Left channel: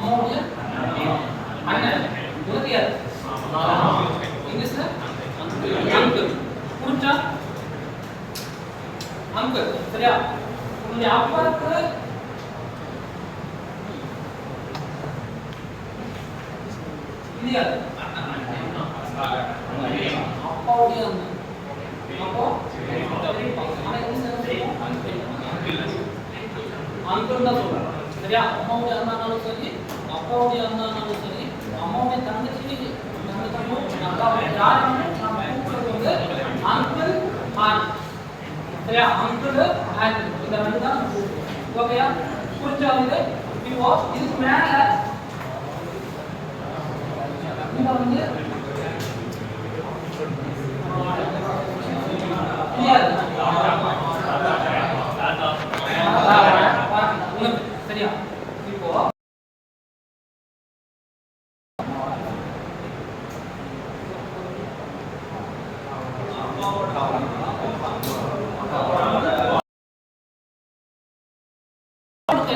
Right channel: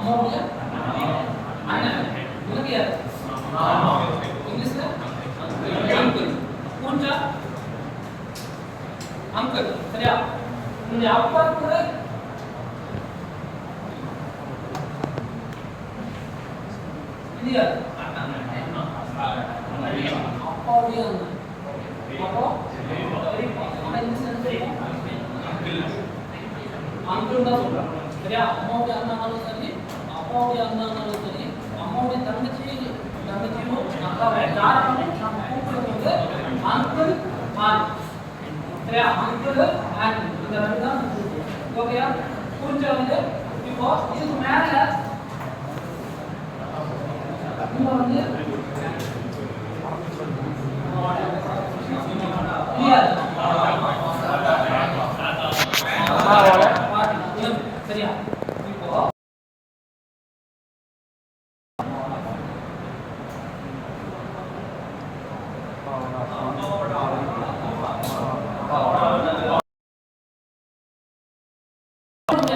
அம்மாவுடைய அண்ணன். உனக்கு யார்? இங்கிலீஷ்ல அங்கிள். புரிஞ்சா? அங்கிள். சரியா? உன்னுடைய அப்பாவுக்கு இது யார்? அப்பாவுடைய அண்ணன். அப்போ ஆனா இங்கிலீஷ் என்ன தெரியும்? அங்கிள் தான் சொல்றாங்க. சரியா? அம்மாவுடைய அண்ணானாலும் சரி, அப்பாவுடைய அண்ணானாலும் சரி, அம்மாவுடைய தங்கச்சியும் அக்காவும் யாராலும் நம்ம கூப்பிடுறது வந்து அங்கிள் ஆன். சரியா? அங்கிள் ஆன் இந்த ரெண்டு தான் நம்ம கூப்பிடுவோம். ஓகேயா? புரிஞ்சா? வந்து இப்போ இதுக்கு மேல இங்க வந்து சரியா? இப்போ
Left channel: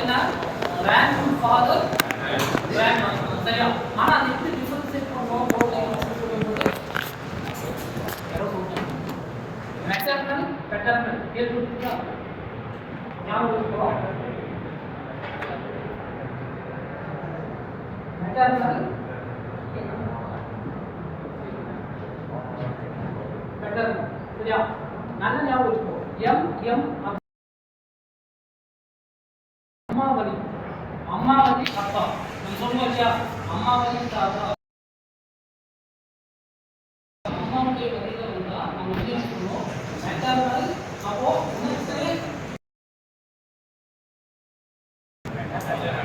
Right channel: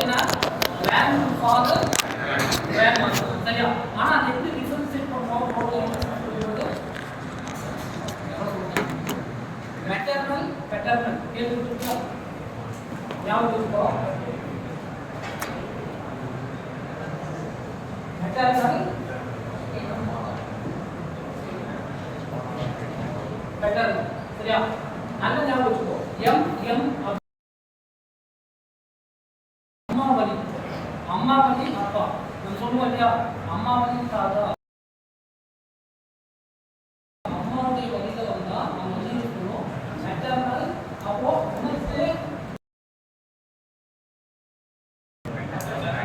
என்ன grandfather grandmother. சரியா? ஆனா அது எப்படி டிஃபரன்ஷியேட் பண்ணுவோம் சொல்லும்போது மெட்டர்னல் பெட்டர்னல் கேள்விப்பட்டீங்களா? ஞாபகம் இருக்கோ? Maternal paternal. சரியா? நல்ல ஞாபகம் வச்சுக்கோ. எம் அம்மாவதி. அம்மாவதி அப்பா. நம்ம சொல்லுவோம் இல்லையா? அம்மாவதி தாத்தா. அம்மாவுடைய வழியில வந்தா நம்ம என்ன சொல்லுவோம்? மெட்டர்னல். அப்போ இன்னொரு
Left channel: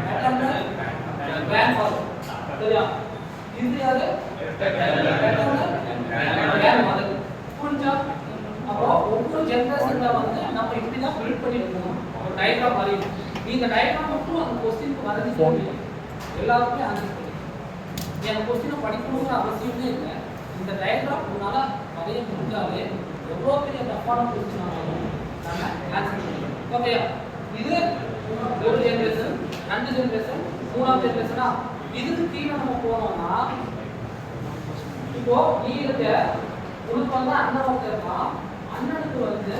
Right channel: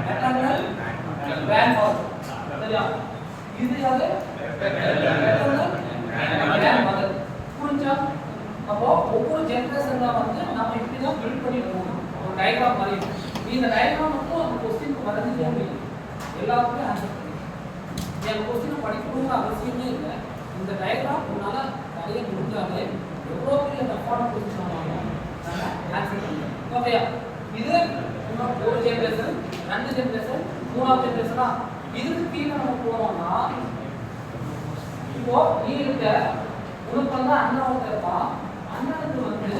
மெட்டர்னல் கிராண்ட்ஃபாதர். சரியா? இது யாரு? Maternal grandmother. புரிஞ்சா? அப்போ ஒவ்வொரு ஜெனரேஷன்ல வந்து நம்ம இப்படி தான் பில்ட் பண்ணிருக்கோம். ஒரு டயக்ராம் மாதிரி. இந்த டயக்ராம் மட்டும் அந்த கொஸ்டினுக்கு வரைஞ்சு சொல்லி எல்லாத்துக்குமே ஆன்சர் பண்ணி என் கொஸ்டினை படிக்கணுங்கிற அவசியமே இல்லை. இந்த டயக்ராம் உன்னால வரைய முடிஞ்சாலே எவ்வளோ பெரிய டஃப்பான கொஸ்டின் ஆனாலும் நம்ம ஆன்சர் பண்ணிடுவோம். ஓகேயா? இது ஒரு ஜென்ரேஷன், ரெண்டு ஜென்ரேஷன், மூணாவது ஜென்ரேஷனா? இதுக்கு கீழே நம்ம போனோம்னா இப்போ நீ இருக்க உனக்கு வந்து அண்ணன் ஒருத்தர் இருக்கான். அண்ணனுக்கு வந்து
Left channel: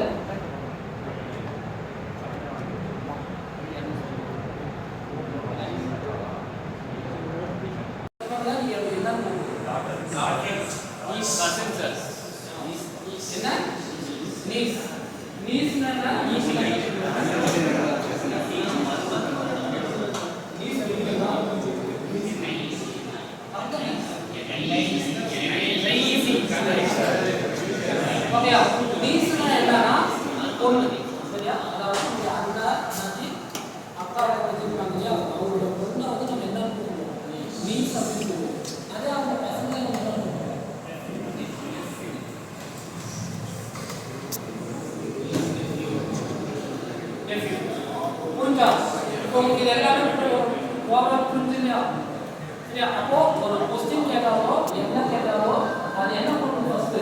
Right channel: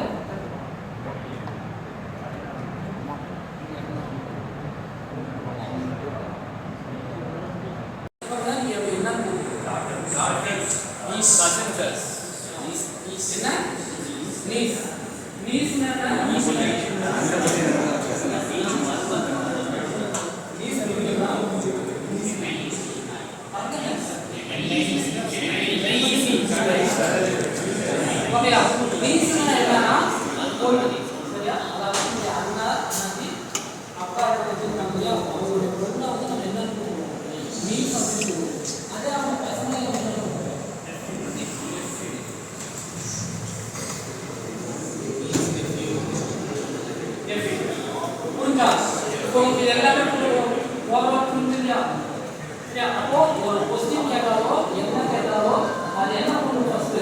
அப்போ ஒரு கொஸ்டின் கேட்டாரோ என்ன கேட்டாரோ அது என்ன பண்ணுவோம்? ஃபர்ஸ்ட்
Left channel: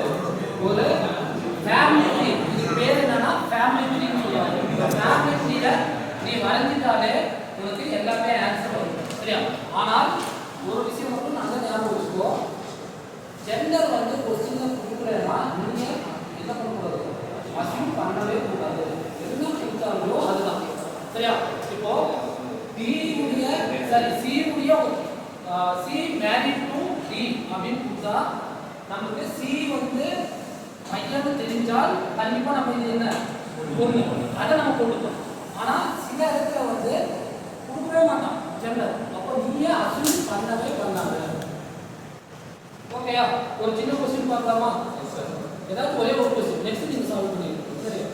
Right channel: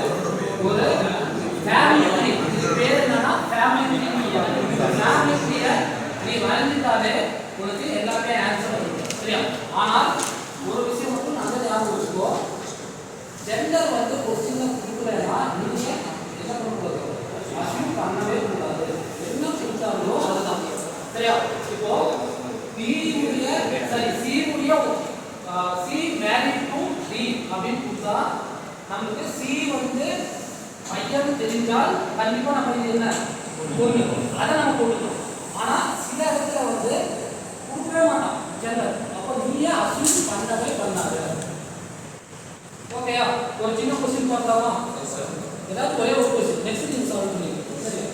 ஒரு ஃபேமிலி ட்ரீ. இது பேர் என்னன்னா ஃபேமிலி ட்ரீன்னு சொல்லுவாங்க. இந்த ஃபேமிலி ட்ரீயை நீ வரைஞ்சிட்டாலே உனக்கு எல்லாமே ஆன்சர் பண்ணுவோம். சரியா? ஆனால் ஒரு விஷயம் மட்டும் நல்ல ஞாபகம் வச்சுக்கோ. ஜெண்டர் வந்து கொஸ்டின்ல கொடுக்கலன்னா நீங்க என்ன பண்ணக்கூடாது? அசியூம் பண்ணவே கூடாது. என்ன செஞ்சாலும் அதுதான். சரியா? இப்போ சி உடைய சி மேரிட் டு டி அப்படின்னு கொடுத்தா நமக்கு சி வந்து மையம் தெரிஞ்சால் கண்டிப்பா நம்ம இது என்ன பொண்ணு அதை நம்ம கொடுத்தோம். ஆனா சில இடத்துல வந்து கொடுக்கவே மாட்டோம் ஜெண்டர். அப்போ நீயே அசியூம் பண்ணவே பண்ணாது. ஓகேயா? ஒரு சின்ன கொஸ்டின் பார்க்கலாமா? ஏதாவது ஒரே ஒரு கொஸ்டின் நெக்ஸ்ட் நீங்க சால்வ் பண்ணிடுங்க. சரியா?